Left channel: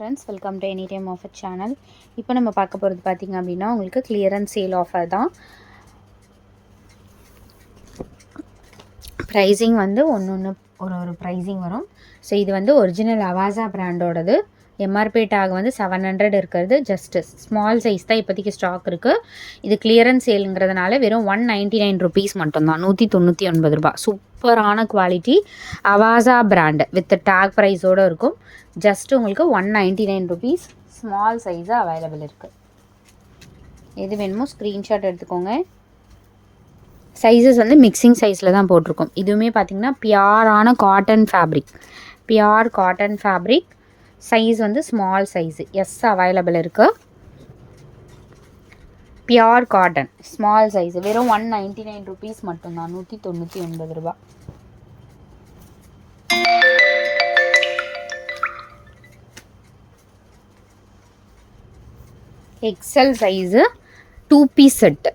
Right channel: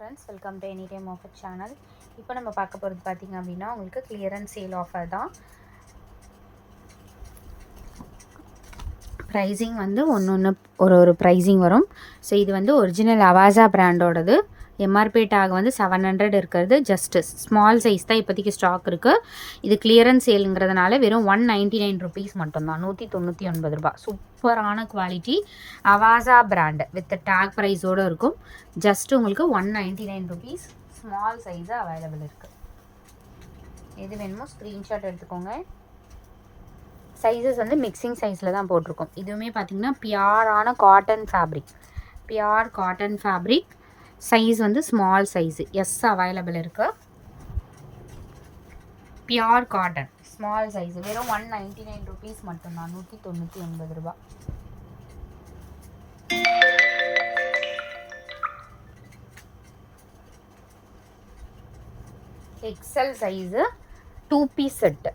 Friends, welcome to any time offer channel. இப்போ நம்ம பார்க்க போகிறது பார்த்திங்க அப்படின்னா உங்களுக்கு கிளியரன்ஸ் சேல் ஆஃபர் தான். ப்ரைஸிங் வந்து ஒன்று ஒரு ப்ரைஸிங் வரும். ஸோ இது வந்து ஒரிஜினல் அவாசா பிராண்டோடது. எம்ஆர்பி டேக் வந்து 700 இருக்கிறது. ஜஸ்ட்டு ஸ்மால் சைஸ் தான் இப்போதைக்கு ஸ்டாக் இருக்குது. இது கிளியரன்ஸ் சேலுங்கிறதுனால வெறும் 199 ருபீஸ் மட்டும்தான், 199 ரூபா. சூப்பரான quality Avasa brand with tag ப்ரைஸோடு இருக்கும். ஜஸ்ட் உங்களுக்கு 199 ருபீஸ். ஸ்மால் சைஸு அவைலபிள் இருக்குது. எது வேணுமோ ஸ்க்ரீன்ஷாட் எடுத்துக்கோங்க. சைஸஸ் வந்து மிக்சிங் சைஸில் தான் போட்டிருக்கோம். இதுவுமே பார்த்திங்கன்னா பியூரான cotton fabric, pure cotton fabric. Size வந்து ஸ்மால் சைஸு எஸ் அவைலபிள் இருக்குது. பியூர் காட்டன் ஸ்மால் சைஸு வெறும் 199 ருபீஸ் மட்டும்தான், 199 ரூபா. XL size 2 piece set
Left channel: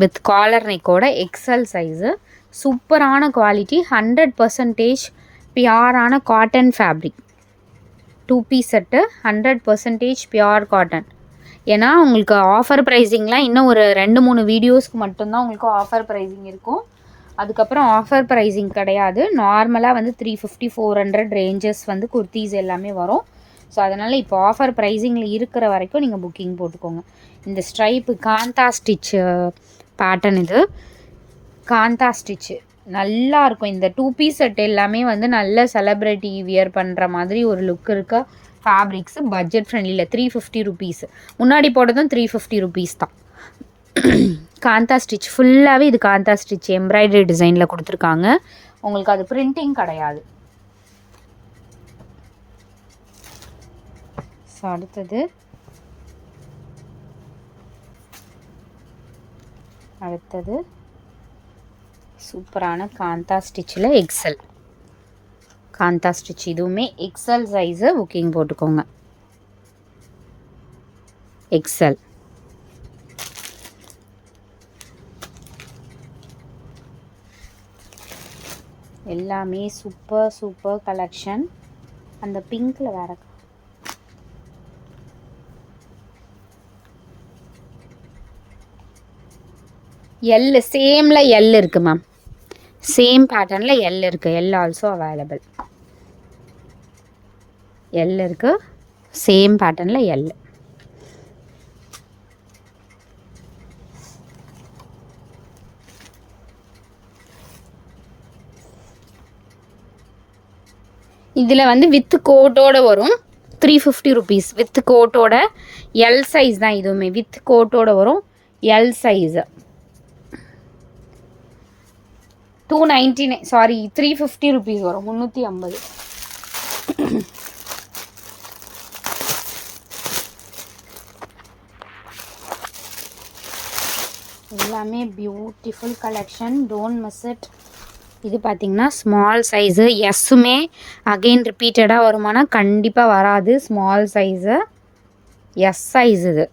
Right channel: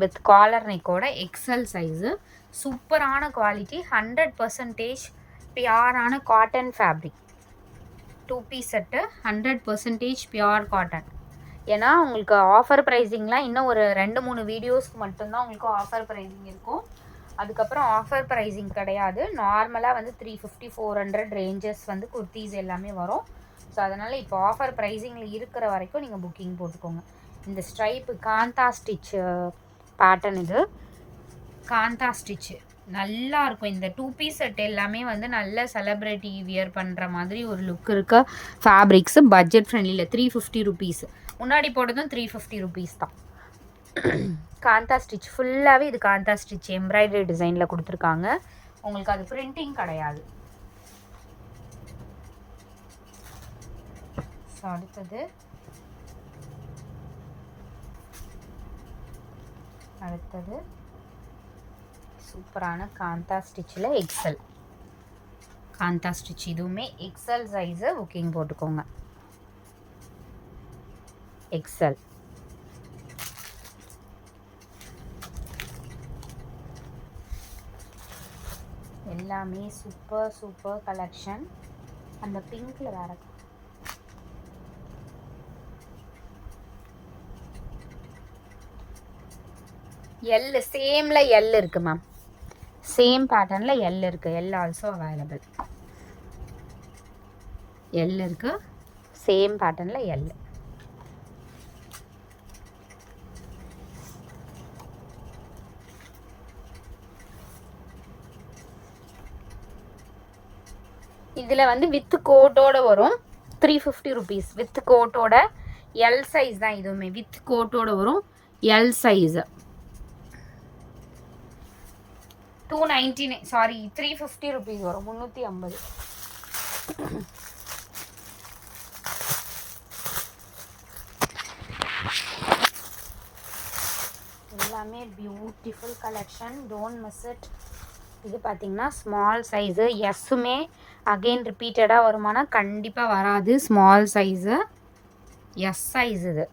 with collar நெக்கோட எக்ஸல் சைஸு. சூப்பரான குவாலிட்டி, 100% பியூரான cotton fabric. 2 piece set 100% pure cotton. ஏன்னா உங்களுக்கு ஆஃபர் ப்ரைஸிங்லாம் இன்னும் ஒரு 2-3 வீடியோஸ்க்கு மட்டும்தான் உங்களுக்கு ஆஃபர் ப்ரைஸிங் இருக்கும். அதுக்கப்புறம் ஆஃபர் ப்ரைஸிங் கிடையாது. நார்மலாக வந்து 350-400 ரேஞ்சஸ் வந்து குர்த்தீஸ் எல்லாமே வரும். ஸோ அதனால் இப்போ ஆஃபர் ப்ரைஸிங்கில் இருக்கிற வரைக்கும் நீங்கள் புக்கிங் போட்டுக்கோங்க. இந்த ஸ்ட்ரைப்பு காந்தா ஸ்டிச்சு பேட்டர்ன், இது காந்தா ஸ்டிச்சு நல்லா இருக்கும். இந்த 2 பீஸ் செட் எல்லாமே வந்து நல்ல செலிப்ரிட்டி வியர் பண்ணுற மாதிரி ஒரு லுக் இருக்க ஃபேப்ரிக்ஸு. Budget ஃப்ரெண்ட்லியில் 350 rupees. முன்னாடி போட்டதும் 350 ருபீஸ் தான். காந்தா ஸ்டிச் ஃபுல்லாகவே இது காந்தா ஸ்டிச் எம்ப்ராய்டரி டிசைனில் கொடுத்துருக்காங்க. உங்களுக்கு அது பிரிண்டிங் கிடையாது. ஸோ அடுத்தது சூப்பரான காந்தா ஸ்டிச்சில் எக்ஸல் காந்தா ஸ்டிச். இதுவுமே எக்ஸல் சைஸு புக்கிங் போட்டுக்கோங்க. எக்ஸல் எல்லாமே சூப்பர் கலெக்ஷன். அந்த பிங்க்கில் வேறு எல், சேமில் எல் இருக்குது மேம். சேம் பேட்டர்னில் எல் இருக்குது. L also available. எல் இருக்குது, சேம் பேட்டர்னில் எல். இதில் வந்து வித் கோட்டோடு வரும். 350 ருபீஸ் வித் கோட்டோட. எல் சைஸ் தான் இதுவுமே, வித் கோட்டோடு வரும். எல் சைஸு 299, சாரி 350 ருபீஸ் வரும், 350. எல்லாமே beautiful collection, don't miss it. இது பார்த்திங்கன்னா ஸ்மால் சைஸு. எஸ்ஸுமே அகெயின் ரிப்பீட்டடாக வருமானா கண்டிப்பாக வராது. Small size S size. இது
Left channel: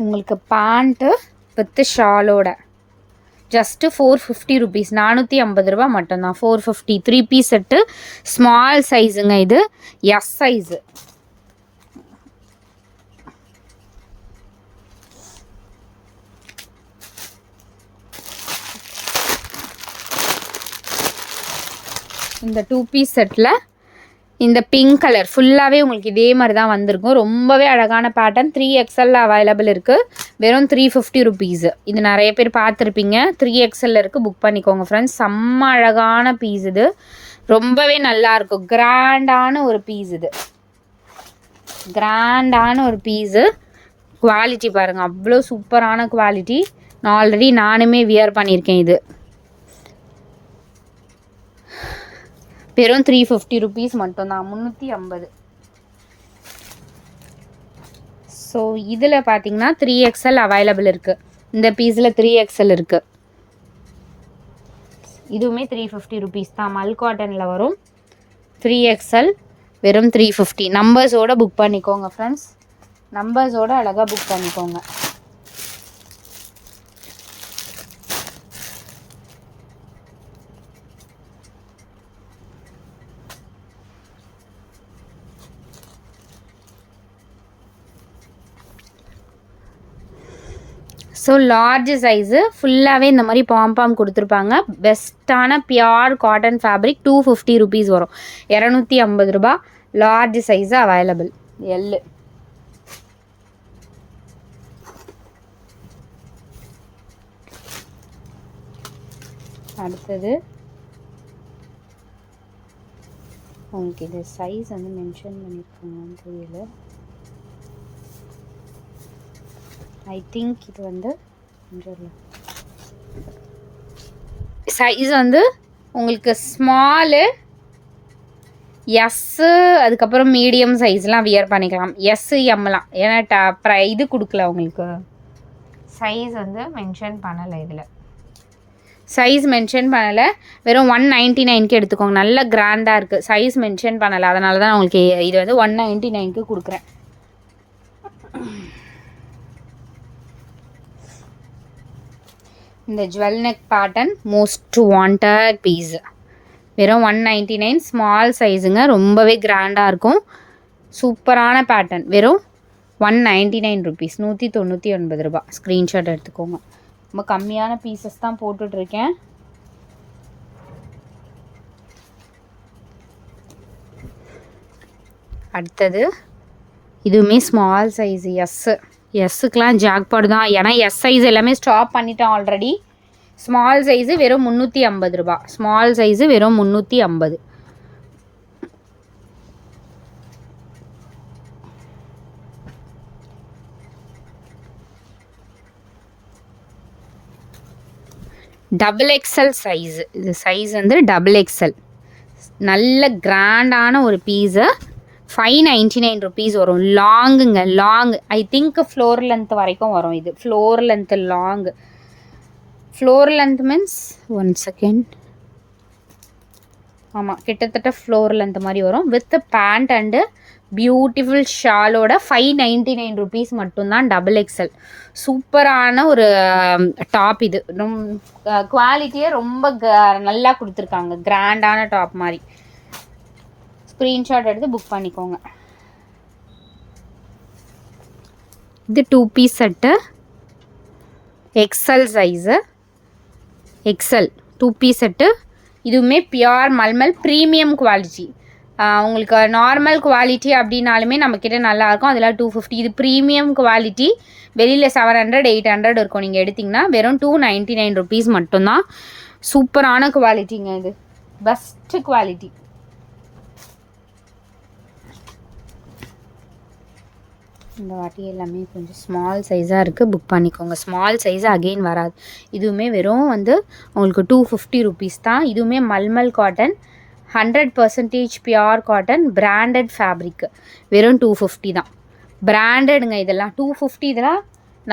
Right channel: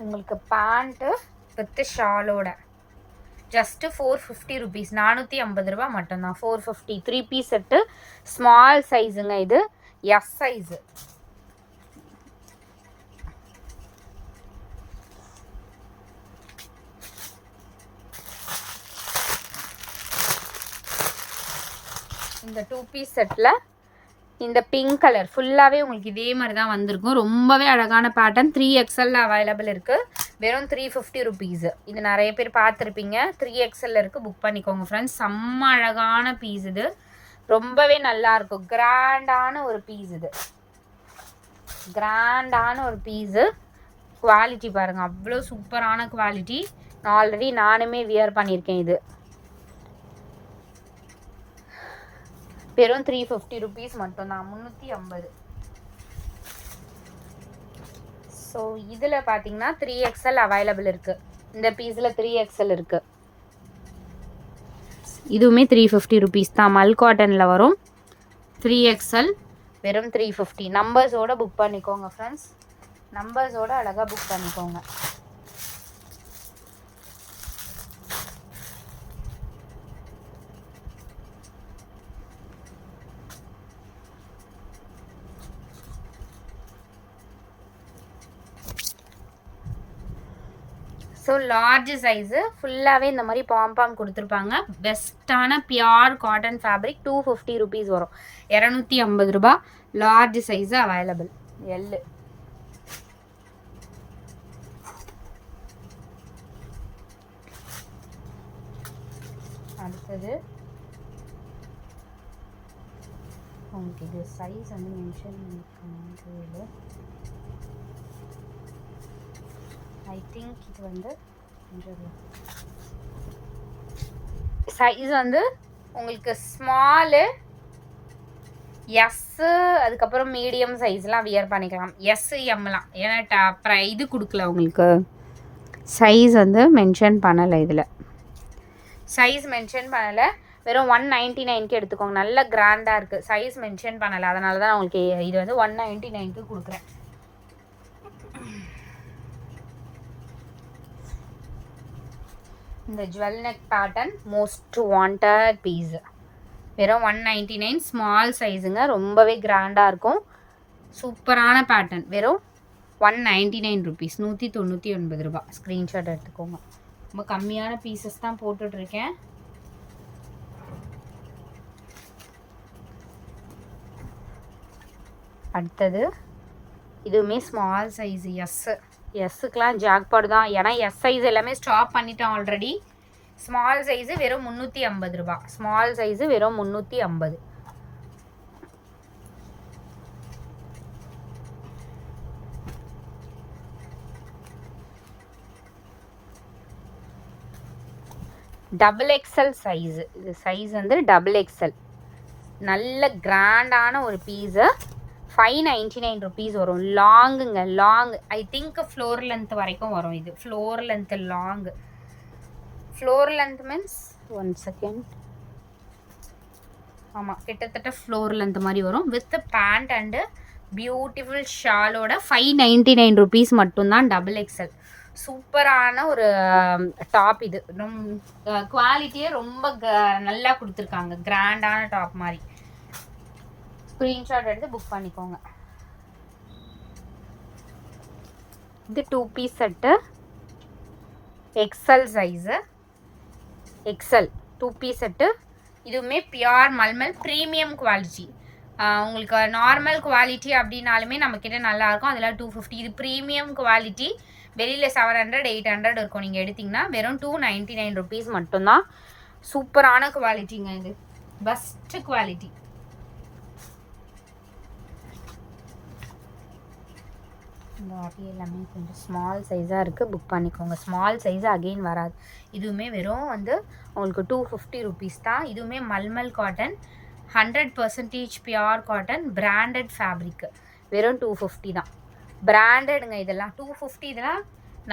உங்களுக்கு பேண்ட்டு வித் ஷாலோட ஜஸ்ட்டு 450 ருபீஸ், 450 ரூபா மட்டும்தான். 450 3 பீஸ் செட்டு ஸ்மால் சைஸுங்க. இது எஸ் சைஸு. இந்த 2 பீஸ் செட்டில் இந்த பிங்க் கலர் ஃபுல்லாகவே உங்களுக்கு இதே மாதிரி தான் வந்திருக்கும். ரொம்பவே அழகான பேட்டர்ன். 3XL அவைலபிள் இருக்குது. வெறும் 350 ருபீஸு. இது நிறைய பேர் பார்த்துருப்பீங்க. 3XL இருக்குது, புக் பண்ணிக்கோங்க ஃப்ரெண்ட்ஸ். செம்ம அழகான பீஸ் இது. ரொம்பவே நல்லாயிருக்கும். கிராண்டான ஒரு பீஸ் இது. கிராண்டான ஒரு பீஸு. குவாலிட்டி பாருங்கள், அவ்வளோ சூப்பரான குவாலிட்டி. நான் ஆல்ரெடி நானுமே வியர் பண்ணியிருக்கேன். இது வெறும் 350 ருபீஸ் மட்டும்தான், 350. ஸோ இதில் பார்த்தீங்கன்னா 3XL அவைலபிள் இருக்குது. இந்த பீஸில் 3XL இருக்குது. இதுவுமே 350 ருபீஸ் தான். மல் காட்டனில் வரும். 3XL வெறும் 350. நம்பர்ஸோடு புக் பண்ணிக்கோங்க ஃப்ரெண்ட்ஸ். நம்பர்ஸோடு அழகாக புக் பண்ணிக்கோங்க. ஸோ லார்ஜ் சைஸு ஃபுல்லாகவே இந்த மாதிரி பாம் கொடுத்துருப்பாங்க. பெஸ்ட்டான பியோர் காட்டன் ஃபேப்ரிக். 250 rupees வரும். 250 ரூபா. Large size available. எல்லு அடுத்தது உங்களுக்கு இது சைஸ் வந்து மென்ஷன் பண்ணியிருக்காங்கன்னு தெரியல. ஐ திங்க் இது வந்து சைஸ் வந்து உங்களுக்கு ஸ்மாலு, எஸ்ஸு, அதுக்கப்புறம் மீடியம் சைஸ்லாம் வியர் பண்ணிக்கலாம். எஸ்ஸு, எம்லாம். ஏன்னா இது கொடுக்கல உங்களுக்கு, சைஸ் வந்து மென்ஷன் பண்ணலை. இதில் சைஸ் மென்ஷன் பண்ணலை. வெறும் 199க்கு எடுத்துக்கோங்க. நல்ல கிராண்டாக இருக்குது. சைஸ் மென்ஷன் பண்ணலை, அதனால தான் உங்களுக்கு இது வந்து 199க்கு கொடுக்குறேன். இந்த jewel neck pattern most wanted piece. வெறும் 199. ஸ்மால் சைஸுங்க. ரொம்பவே கிராண்டாக இருக்கும். சூப்பரான பேட்டர்ன். வெறும் 199 rupees. 199 ரூபா. ஸ்க்ரீன்ஷாட் எடுத்துக்கோங்க. ரொம்ப கம்மியான பீசஸ் தான் போட்டுட்ருக்கேன். அடுத்தது இதுவுமே ஸ்மால் சைஸு. எஸ்ஸுக்கெலாம் ஜாக்பாட் தான். ஏன்னா எஸ் சைஸ் எல்லாமே ஸ்டாப் பண்ணிட்டோம் ஆல்ரெடி. ஸ்மால் சைஸு வெறும் 350 ரூபா. ஸ்மால் சைஸு வெறும் 350. Double XL size. இது சைஸ் வந்து டபுள் எக்ஸல். நல்ல கிராண்டான ஒரு பீஸு. 599 rupees வரும். லாங்குங்க, long. I think floor length வரைக்கும் வரும். இது floor length long. Floor length means 1 second. ஆமாம், கிட்டத்தட்ட ஃப்ளோர் லென்த் மாதிரி வரும். வித் பேண்ட் அண்டு பியூட்டிஃபுல் ஷாலோட 599 rupees மட்டும்தான். Double XL. சூப்பரான ஒரு டாப். இது குவாலிட்டியே ரொம்ப நல்லா கொடுத்துருக்காங்க. கிராண்டான டாப் மாதிரி. ஸ்க்ரீன்ஷாட் எடுத்து புக் பண்ணிக்கோங்க. இது 2 piece set. XL size. XL 2 piece set. இதுவுமே பியோர் மல்மல் ப்ரீமியம் குவாலிட்டி. உங்களுக்கு நார்மல் குவாலிட்டி அப்படின்னாலுமே நம்மக்கிட்ட நல்லாயிருக்கும். அதெல்லாம் 250. இது ப்ரீமியம் குவாலிட்டி. வெளியில் 700 800 இருக்கும். நீங்கள் எடுத்திங்கன்னா வெறும் 299 rupees மட்டும்தான். சூப்பரான குவாலிட்டிங்க. இது பெஸ்ட்டு குவாலிட்டி. இந்த வாட்டி எல்லாமே கொஞ்சம் ஸ்மால் சைஸாக இருக்குது. புக் பண்ணிக்கோங்க. ஸ்மால் சைஸு அகெயின் வராது. இதுவுமே வெறும் வந்து உங்களுக்கு 250 rupees தான். இதுவுமே mulmul cotton. 100% pure cotton. Branded fabric. வெறும் 250 தான். பிராண்டடுங்க இதெல்லாம். 250. இதெல்லாம்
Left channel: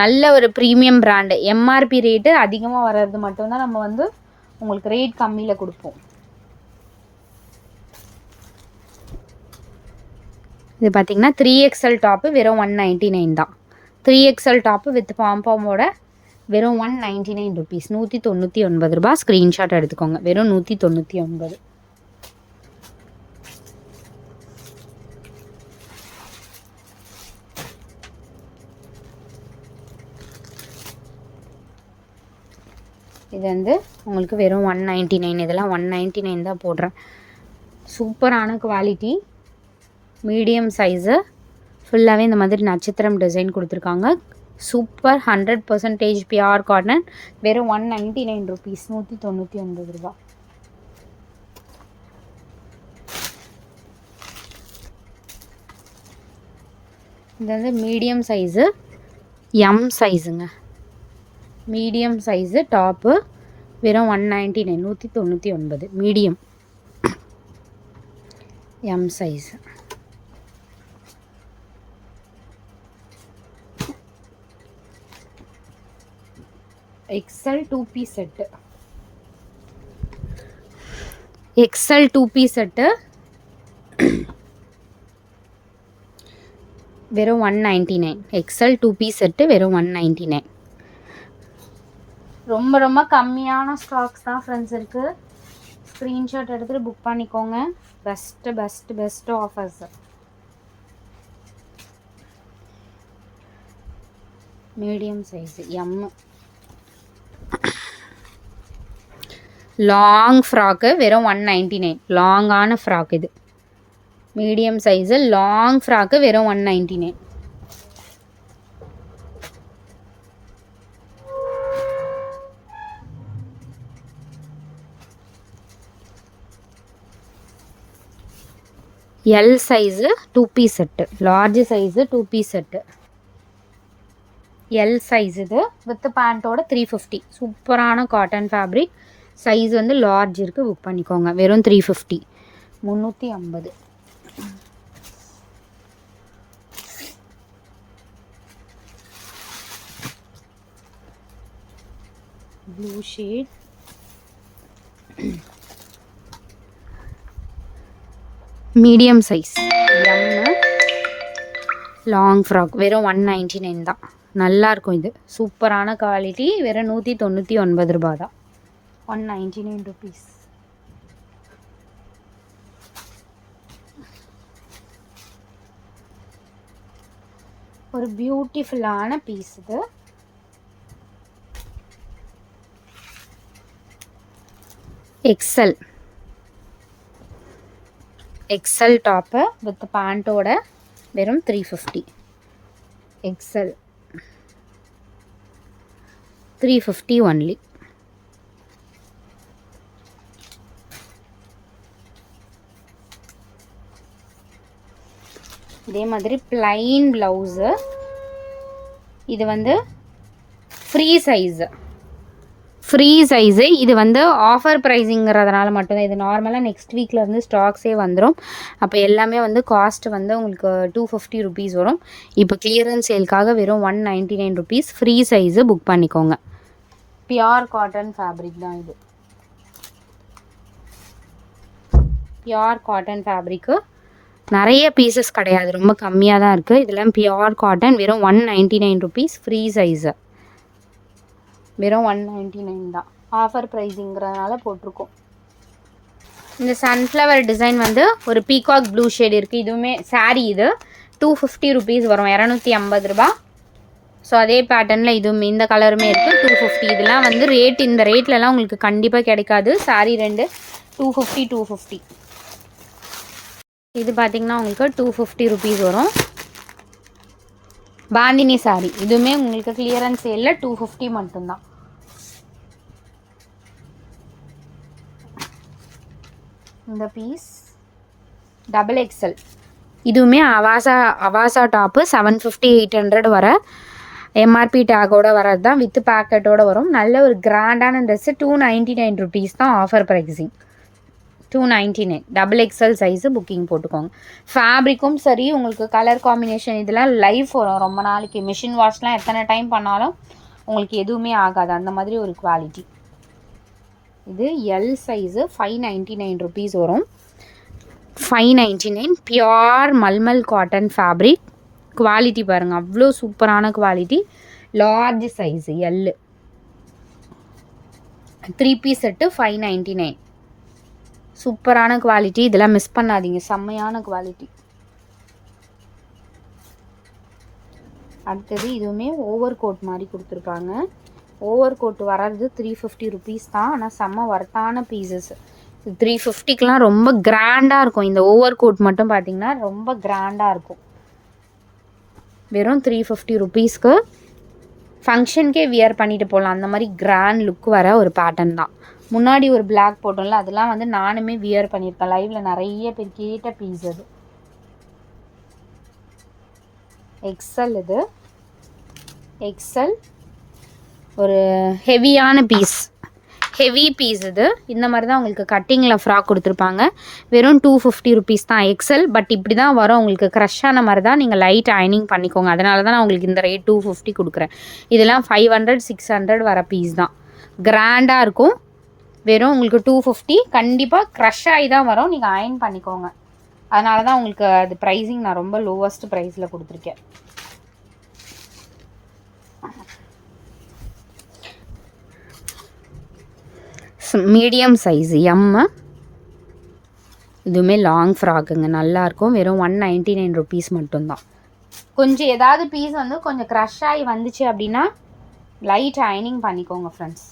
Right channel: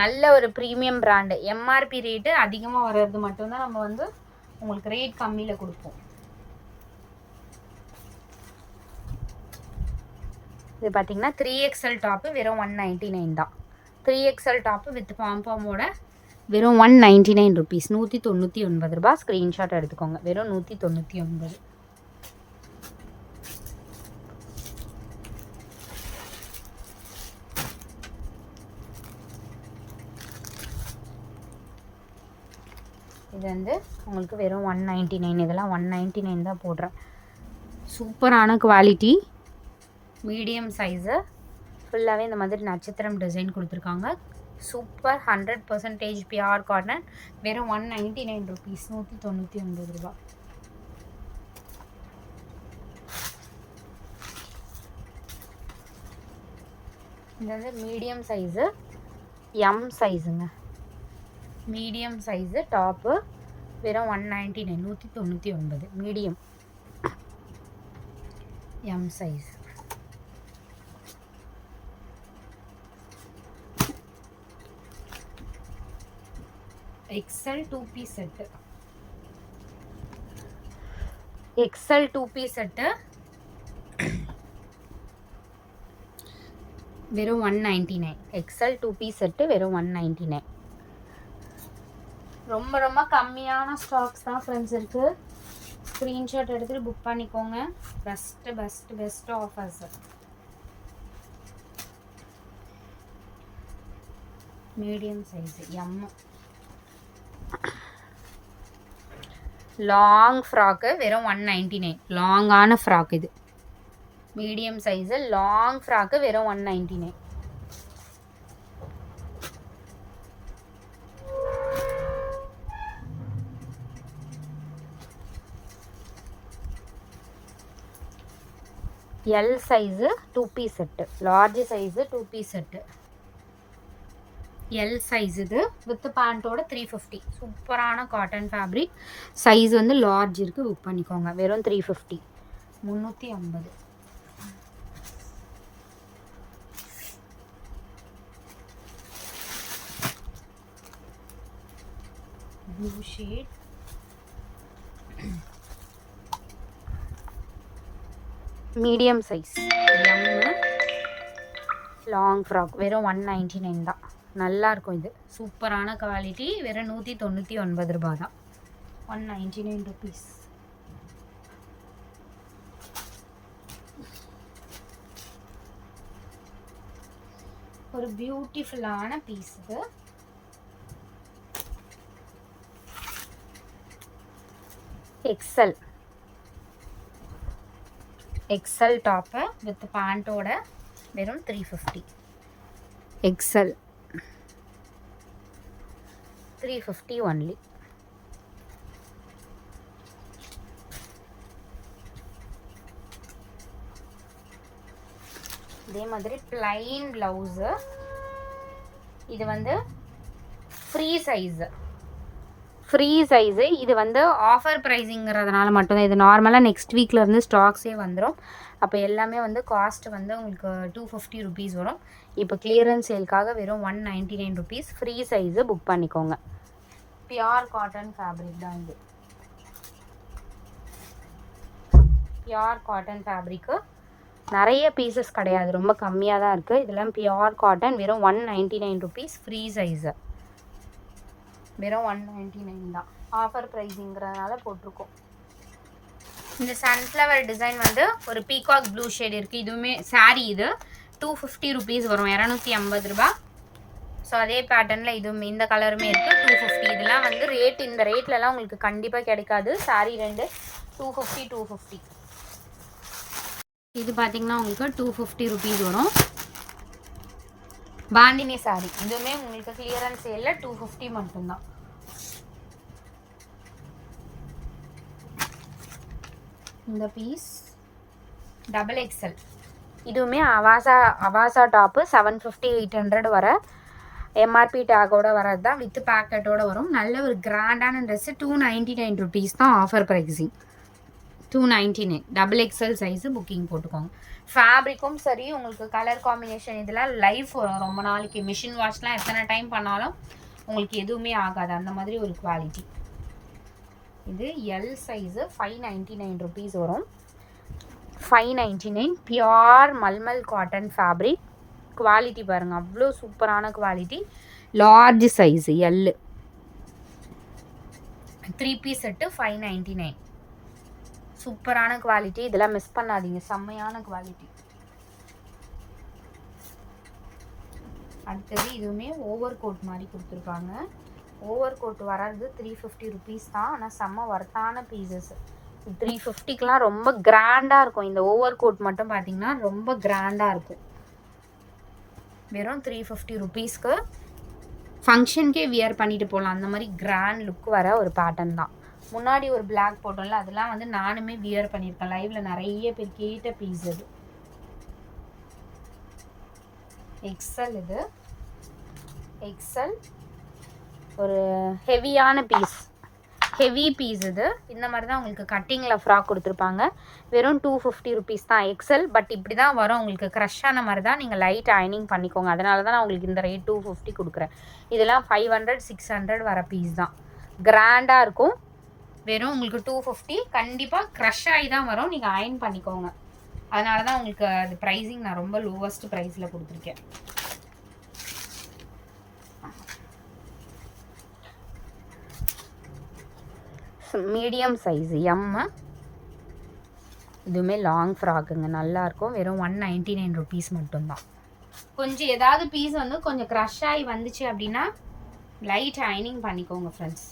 நல்ல ஒரு ப்ரீமியம் பிராண்டு. எம்ஆர்பி ரேட்டு அதிகமாக வர்றது மட்டும்தான் நம்ம வந்து உங்களுக்கு ரேட் கம்மியில் கொடுப்போம். இது பார்த்திங்கன்னா 3XL டாப்பு வெறும் 199 தான். 3XL டாப்பு வித் பாம்போட வெறும் 199 rupees. 199 ரூபா. ஸ்க்ரீன்ஷாட் எடுத்துக்கோங்க. வெறும் 199. இது வந்து உங்களுக்கு வெறும் 199. இதெல்லாம் 199 தான் போடுறேன். சூப்பரான குவாலிட்டி. Medium size. ஃபுல்லாகவே இந்த மாதிரி நட்சத்திரம் டிசைன் கொடுத்துருக்காங்க. Super 100% pure cotton. வெறும் 199 rupees. 199 ரூபா. இது வந்து மீடியம் சைஸு. எம் சைஸுங்க. மீடியம் சைஸு டாப்பு வெறும் 199. 199 medium M size. XL 2 piece set. XL 2 piece set வெறும் 199. எக்ஸல் 2 பீஸ் செட்டு வெறும் 199. ரொம்ப ரொம்ப கம்மியான ஸ்டாக்ஸ் தான் ஃப்ரெண்ட்ஸ் இருக்குது. ஸ்க்ரீன்ஷாட் எடுத்துகிட்டு புக் பண்ணிக்கோங்க. Best offers. Medium size M. Long frock வெறும் 199. லாங்கான ஃப்ராக் இது. மீடியம் சைஸு லாங் ஃப்ராக்கு வெறும் 199. L size 2 piece set. Large size 2 piece set. L size இது வித் பேண்ட்டோட 350. சூப்பரான காட்டன் ஃபேப்ரிக். சைஸ் வந்து லார்ஜ் இருக்குது, புக் பண்ணிக்கோங்க. வெறும் 350. 350. Blue shade. Medium size M. Long frock வெறும் 199 தான். நல்லாயிருக்கும் இது. சூப்பரான குவாலிட்டி. வெறும் 199 ரூபா தான். 199 ருபீஸ். ஒரு பியூட்டிஃபுல்லான பீஸ் இது. எக்ஸல். எக்ஸல் டாப்பு வித் பேண்ட்டோட வெறும் 350. XL 350 only. இதே மாதிரி பிளைன் ப்ளவுஸு. இது வந்து ஃப்ரீ சைஸு. இது வந்து ஆஃபர் ப்ரைஸிங்கிறதுனால மட்டும்தான். இது நார்மலாக நெக்ஸ்ட் வீக்லேருந்து ஸ்டாக்ஸே வந்துடும். அப்போ எல்லாமே வந்து காஸ்ட் வந்து உங்களுக்கு 250 ருபீஸ் வரும். இப்போ கிளியரன்ஸ் சேல்க்காக வெறும் 199 ருபீஸ். ஃப்ரீ சைஸு புக் பண்ணிக்கோங்க. பியோர் காட்டன் ஃபேப்ரிக் தான் இது. Pure cotton fabric. நிறைய பீசஸ் கிடையாது, ரொம்ப கம்மியாக தான் இருக்குது. இதெல்லாம் பியோர் காட்டன். வெறும் 199 ருபீஸ். ஃப்ரீ சைஸு வெறும் 199 தான். ஆஃபர் ப்ரைஸிங்கிறதுனால போட்டிருக்கோம். இந்த சன்ஃப்ளவர் டிசைன் வந்து ஒரு பீகாக் ப்ளூ ஷேட் இருக்குது. இதுவுமே சாரீ. இது 250 ருபீஸ் வரும். 250 ரூபா. ஸோ அதே பேட்டர்னில் இதுவுமே இந்த கலருமே இருக்குது. 250. இதெல்லாம் வந்து ரேட், இந்த ரேட்லலாம் உங்களுக்கு கண்டிப்பாக கிடைக்காது. சாரீ ரெண்டு 250. இது பார்த்திங்கன்னா உங்களுக்கு 250 ருபீஸ் வரும். பாந்தினி சாரீ. இதுவுமே உங்களுக்கு கிளியரன்ஸ் சேலில் 250 மட்டும்தான். இந்த பீஸ் டபுள் எக்ஸல். இதுவுமே அவாசா டாப்பு 750 800 வர எம்ஆர்பி டேக்கோட வரது தான். வித் பேக்கெட்டோடு வரும். நல்ல ஒரு கிராண்டான ட்ரெஸ்ஸு. 299 ருபீஸ் தான் offer pricing. 299. Double XL size booking போட்டுக்கோங்க. ஃபேப்ரிக்கும் சரி, உங்களுக்கு கலர் காம்பினேஷன் இதெல்லாம் லைஃப் வரும் ரொம்ப நாளைக்கு. மிஷின் வாஷ்லாம் எத்தனை டைம் பண்ணாலும் உங்களுக்கு எதுவுமே ஆகாது. அந்த மாதிரி ஒரு குவாலிட்டி. இது எல் சைஸு 599 ருபீஸ் வரும். 599. Pure mulmul cotton fabric. Quality பாருங்கள், அவ்வளோ சூப்பரான quality. Large size L. 3 piece set 599. சூப்பரான குவாலிட்டி. இதெல்லாம் மிஸ் பண்ணாதீங்க, செம்மையான குவாலிட்டி. அடுத்தது இதுவுமே ஓவர் கோட் மாதிரி கொடுத்துருப்பாங்க. ஓவர் கோட் வர்றது 350 ருபீஸ் தான். ஆனால் செம்ம ஒர்த்தான பீசஸ். 350க்கெலாம் ரொம்ப கிராண்டாக இருக்கும். இந்த ஓவர் கோட் மட்டும் பார்த்திங்கன்னா ரொம்ப கிராண்டாக இருக்கும். வெறும் 350 ருபீஸ்க்கு ஃபங்க்ஷனுக்கே வியர் பண்ணிட்டு போகலாம். அந்த மாதிரி கிராண்ட் லுக் வர ஒரு பேட்டர்ன் தான். முன்னாடி ஒரு பிளாக் போட்டோம்ல, அதெல்லாம் வந்து நானுமே வியர் பண்ணியிருக்கேன். லைவில் நிறைய பேர் கேட்ட பீஸ் அது. எக்ஸல். இது எக்ஸல். ஒரு ஹெவியான பீஸ். ஹெவி பீஸ் இது. இந்த மாதிரி தான் உங்களுக்கு கட்டிங்கில் ஃப்ராக் கொடுத்துருப்பாங்க. வெறும் 250 ருபீஸ் தான் எக்ஸல். பட் இப்படி தான் வரும் உங்களுக்கு. க்ரஷ்ஷான மாதிரி தான். நீங்கள் லைட் அயனிங் பண்ணிக்கோங்க. அதனால தான் நான் உங்களுக்கு இந்த ரேட் 250 கொடுக்குறேன். இதெல்லாம் 500 600 வர பீஸ் தான். கிராண்டாக இருக்கும். வெறும் உங்களுக்கு 250. கண்டிப்பாக க்ரஷ் ஆகி தான் வரும். நீங்கள் அயன் பண்ணிக்கோங்க. அதனால தான் உங்களுக்கு அது ப்ரைஸிங் நான் ரொம்ப லோவஸ்ட் ப்ரைஸில் கொடுத்துருக்கேன். Medium size M. இதுவுமே லாங் ஃப்ராக்குங்க, நல்லாயிருக்கும். வெறும் 199 ருபீஸ் மட்டும்தான். கொஞ்சம் ஏதாவது பீஸ் வந்து கொஞ்சம் க்ரஷ் ஆகி வந்துச்சு அப்படின்னா லைட் அயனிங் பண்ணிக்கோங்க ஃப்ரெண்ட்ஸ்.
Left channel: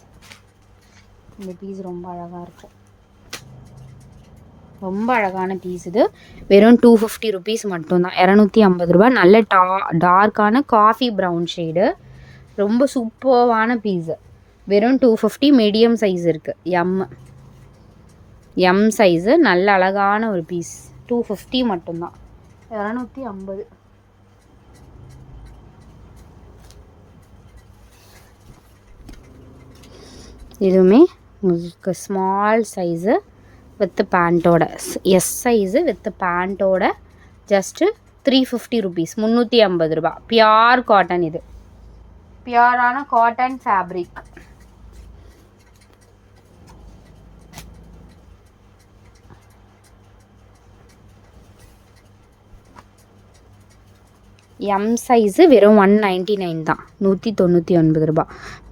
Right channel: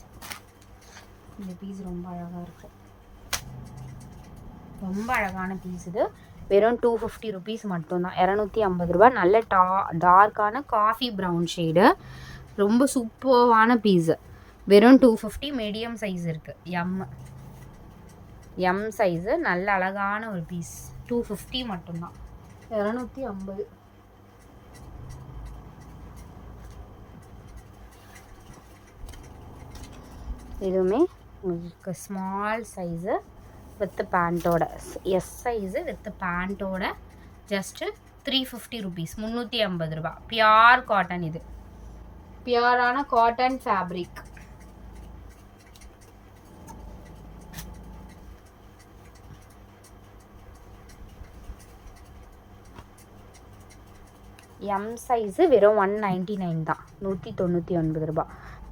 இந்த பீஸ் ரொம்ப அழகாக இருக்குது, ரொம்ப அழகான பீஸ். இது வெறும் 250 ருபீஸ் மட்டும்தான், 250 ரூபா. நல்ல டார்க்கான காஃபி ப்ரௌன் ஷேடு, ரொம்ப சூப்பர்வான பீஸு. வெறும் 250. மீடியம் சைஸ் இருக்குது, எம் சைஸு. நல்ல அழகான ஒரு பீஸ், 250 மட்டும்தான், 250. இதுவுமே உங்களுக்கு ஸ்மால் சைஸு வித் பேண்ட்டோட, எஸ் சைஸு வித் பேண்ட்டோட ஜஸ்ட்டு 350 ருபீஸ், 350 ரூபா. பியூர் காட்டன், இது பியூரான காட்டன் ஃபேப்ரிக். எம் சைஸு வெறும் 199 தான், 199 ரூபா.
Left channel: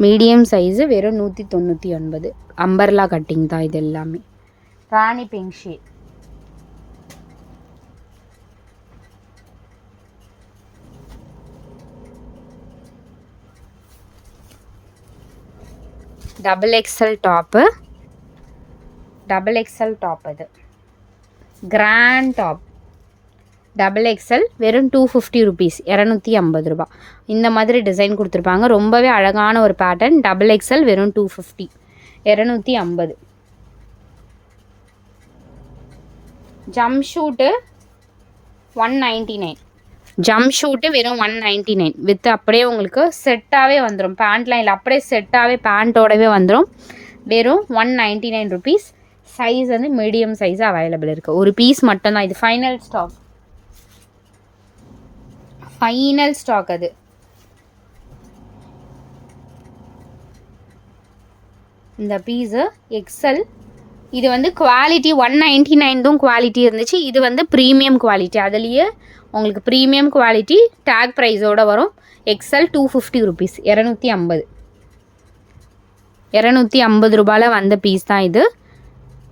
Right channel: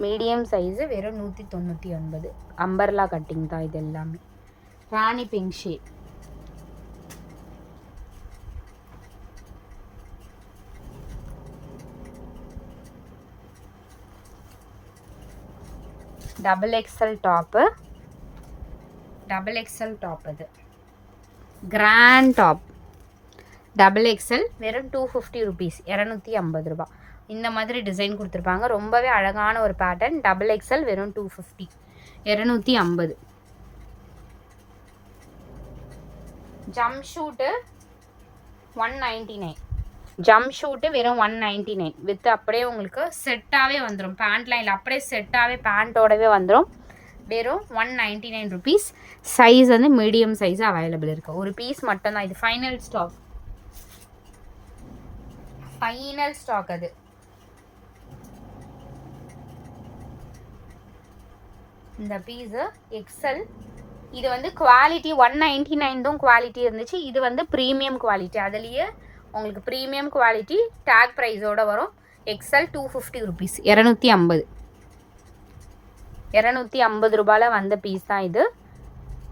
மீடியம் சைஸு வெறும் 199. அம்பர்லா கட்டிங் தான் இது எல்லாமே. Rani pink shade. Double XL top, இது கிராண்ட் டாப். டபுள் எக்ஸல் வெறும் 250 ருபீஸ், 250 ரூபா. இந்த மாதிரி டிசைன் கொடுத்துருப்பாங்க, ரொம்பவே அழகான ஒரு பேட்டர்ன். டபுள் எக்ஸல் வெறும் 250, 250. ஜம்ப் ஷூட்டு 199, ஜம்ப் ஷூட்டு வெறும் 199 வித் அப்படியே உங்களுக்கு செட்டாகவே வந்துடும். பேண்ட்லாம் இல்லை, அப்படியே செட்டாகவே பேண்ட்டோடவே வந்துடும். வெறும் 199 ருபீஸ். சைஸ் வந்து மீடியம் சைஸ் அவைலபிள் இருக்குது. ஒரு பீஸ் மட்டும்தான் இது, ஃபைனல் ஸ்டாக், ஃபைனல் ஸ்டாக். அது இந்த பீஸு எக்ஸல். இது வந்து குவாலிட்டி 199 குவாலிட்டி இருந்துச்சு, இது வந்து ப்ரீமியம் குவாலிட்டி. அதுலேயே உங்களுக்கு ப்ரீமியம் குவாலிட்டி டேக் ப்ரைஸோடு வரும். எக்ஸல் 250 ருபீஸ், 250 ரூபாயில் வந்த பீஸ் தான் இது.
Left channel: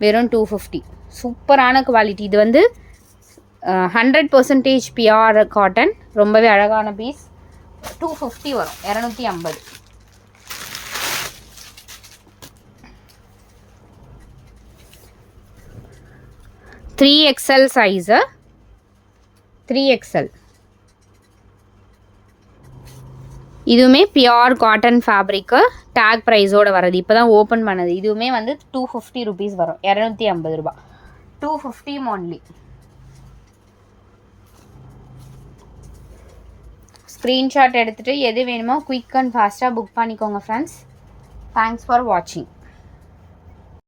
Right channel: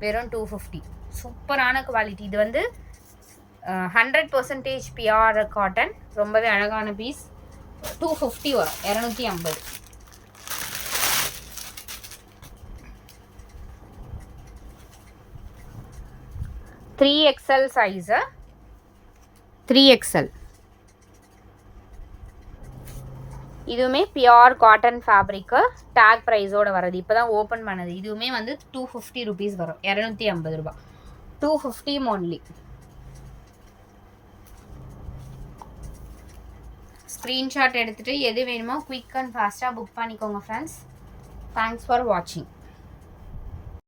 வெறும் 250. சூப்பரான குவாலிட்டி. இது வந்து 100% பியூர் காட்டன், ரொம்பவே அழகான பீஸ். 250 வரும், 250. 3XL size, 3XL. இதுவுமே பியூர் காட்டன் ஃபேப்ரிக்கு, டேக் ப்ரைஸோடு வரது. இப்போ தான் ஓப்பன் பண்ணது. இதுவுமே வந்து 250 ருபீஸ் வரும், 250 ரூபா. 250 ஒன்லி. ஸ்க்ரீன்ஷாட் எடுத்துகிட்டு எது வேணுமோ குயிக் அண்ட் ஃபாஸ்ட்டாக புக் பண்ணிக்கோங்க ஃப்ரெண்ட்ஸ். தேங்க்ஸ் ஃபார் வாட்சிங்.